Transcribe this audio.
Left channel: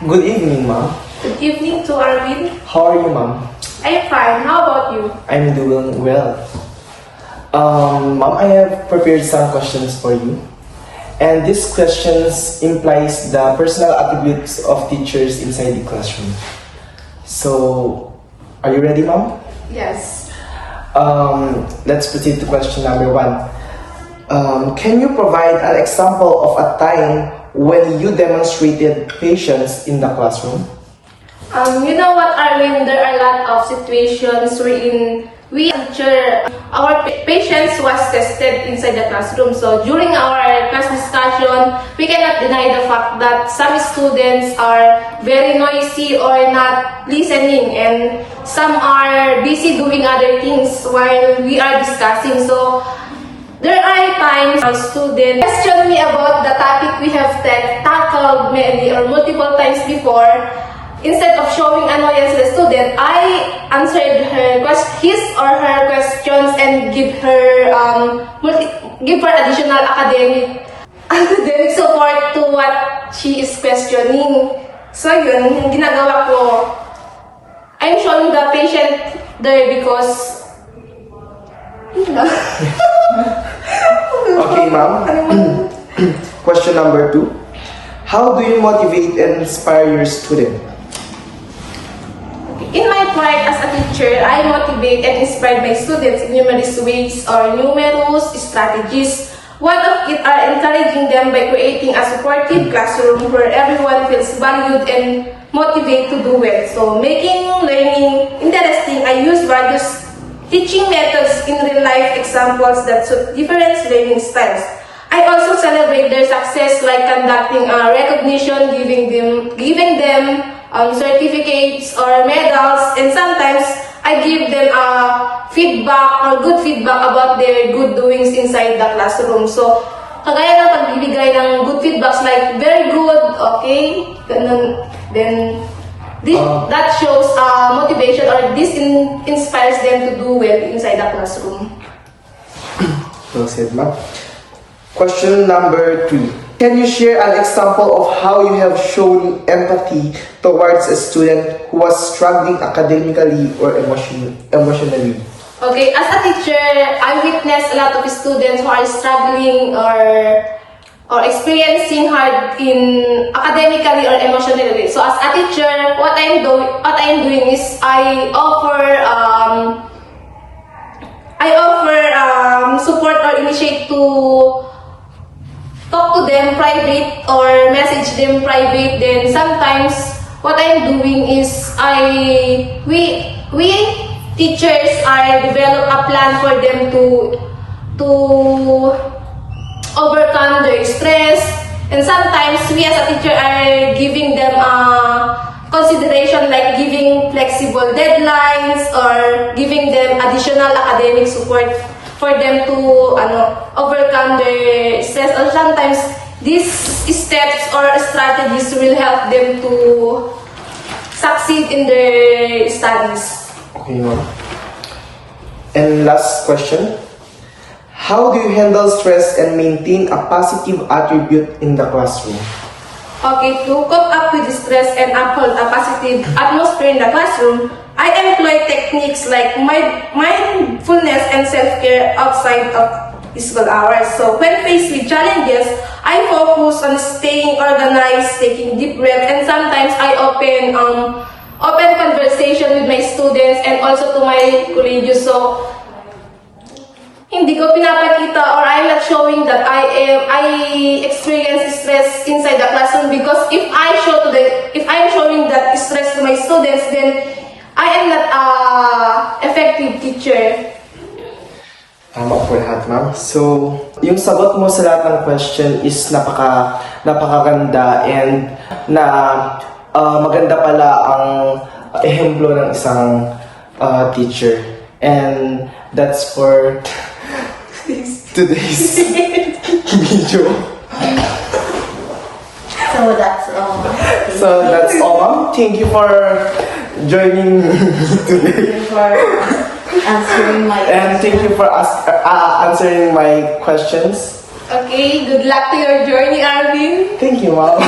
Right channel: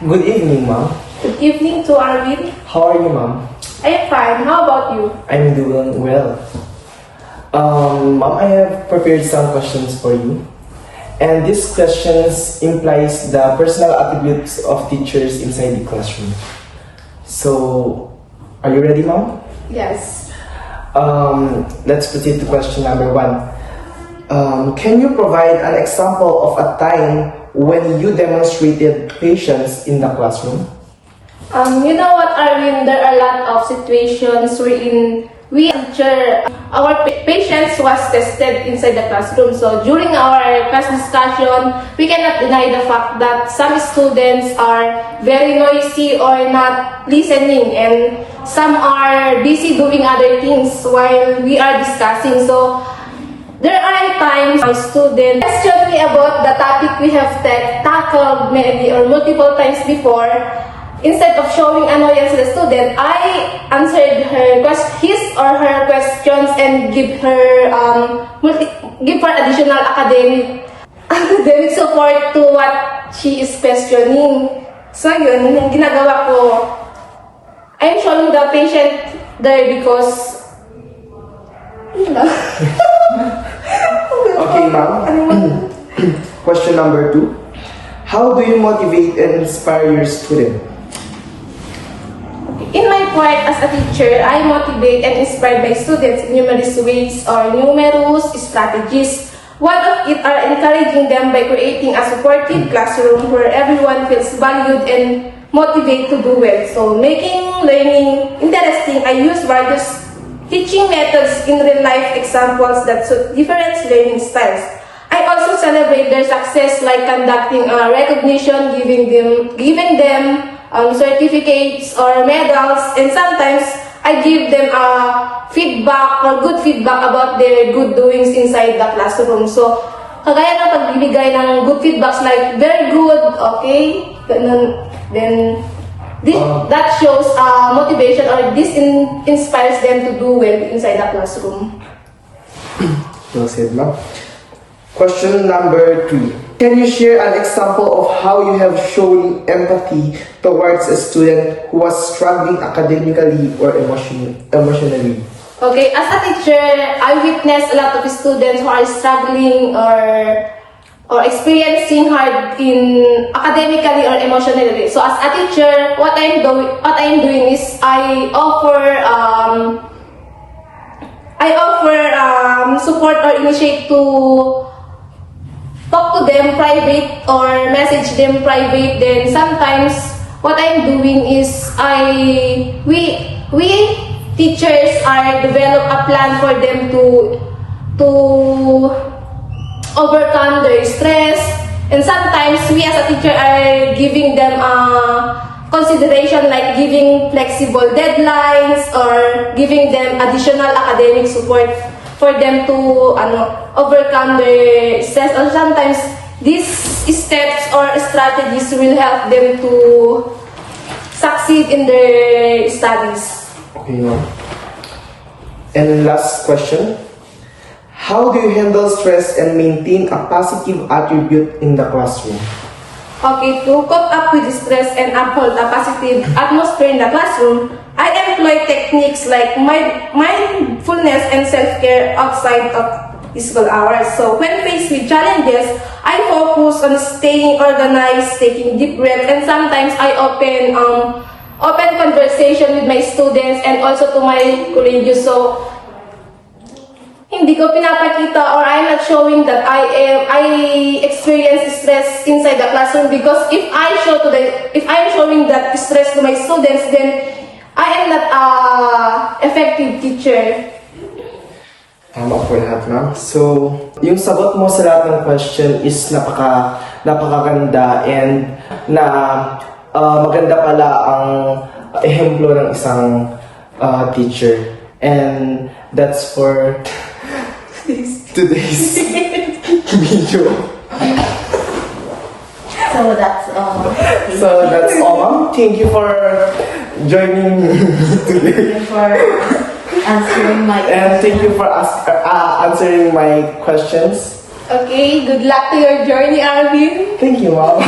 Good evening, ma'am. Good evening to Arwin. How are you, ma'am? I am fine. How about you? I'm doing well. Ma'am, I have prepared some questions for you. And these questions implies the personal attributes of teachers inside the classroom. So, are you ready, ma'am? Yes. Let's proceed to question number 1. Can you provide an example of a time when you demonstrated patience in the classroom? You know what, Arwin? There are a lot of situations wherein we teacher, our patience was tested inside the classroom. So during our class discussion, we cannot deny the fact that some students are very noisy or not listening, and some are busy doing other things while we are discussing. So there are times our students question me about the topic we have tackled maybe or multiple times before. Instead of showing annoyance to the student, I answered his or her questions and give her additional academic support to what she is questioning. So yun, yung ginagawa ko, I'm showing the patient there because Okay, ma'am. Question number 2. How do you motivate and inspire your student? In my part as a teacher, I motivate and inspire my students in numerous ways or numerous strategies. One of it are encouraging them by creating a supportive classroom where everyone feels valued and motivated to do well. So, making learning interesting, I use various teaching methods in real-life examples that suit different learning styles. I also celebrate their success like conducting a recognition, giving them certificates or medals, and sometimes I give them feedback or good feedback about their good doings inside the classroom. So, kagaya ng pagbibigay ng good feedbacks like very good, okay, ganun, then that shows motivation or this inspires them to do well inside the classroom. Well said, ma'am. Question number 3. Can you share an example of how you have shown empathy towards a student who was struggling academically or emotionally? Okay, as a teacher, I witness a lot of students who are struggling or experiencing hard in academically or emotionally. So as a teacher, what I am doing is I offer support or initiate to talk to them private or message them private. Then sometimes what I'm doing is we teachers are develop a plan for them to overcome their stress, and sometimes we as a teacher are giving them consideration like giving flexible deadlines or giving them additional academic support for them to overcome their stress. Or sometimes these steps or strategies will help them to succeed in their studies. Okay. And last question. How do you handle stress and maintain a positive attribute in the classroom? Okay, to cope up with stress and uphold a positive atmosphere in the classroom, I employ techniques like mindfulness and self-care outside of school hours. So when faced with challenges, I focus on staying organized, taking deep breath, and sometimes I open conversation with my students and also to my colleagues. So hindi ko pinapakita or I'm not showing that I experience stress inside the classroom, because if I'm showing that stress to my students, then I am not effective teacher. Tama po lahat, ma'am. So, yung sagot mo sa lahat ng question is napakaganda, and maganda pala ang ehemplo ng isang teacher. And that's for today's video. So that's all, ma'am. Thank you for joining me today. Thank you for answering my questions. Okay, good luck to your journey, Arwin. Thank you, ma'am.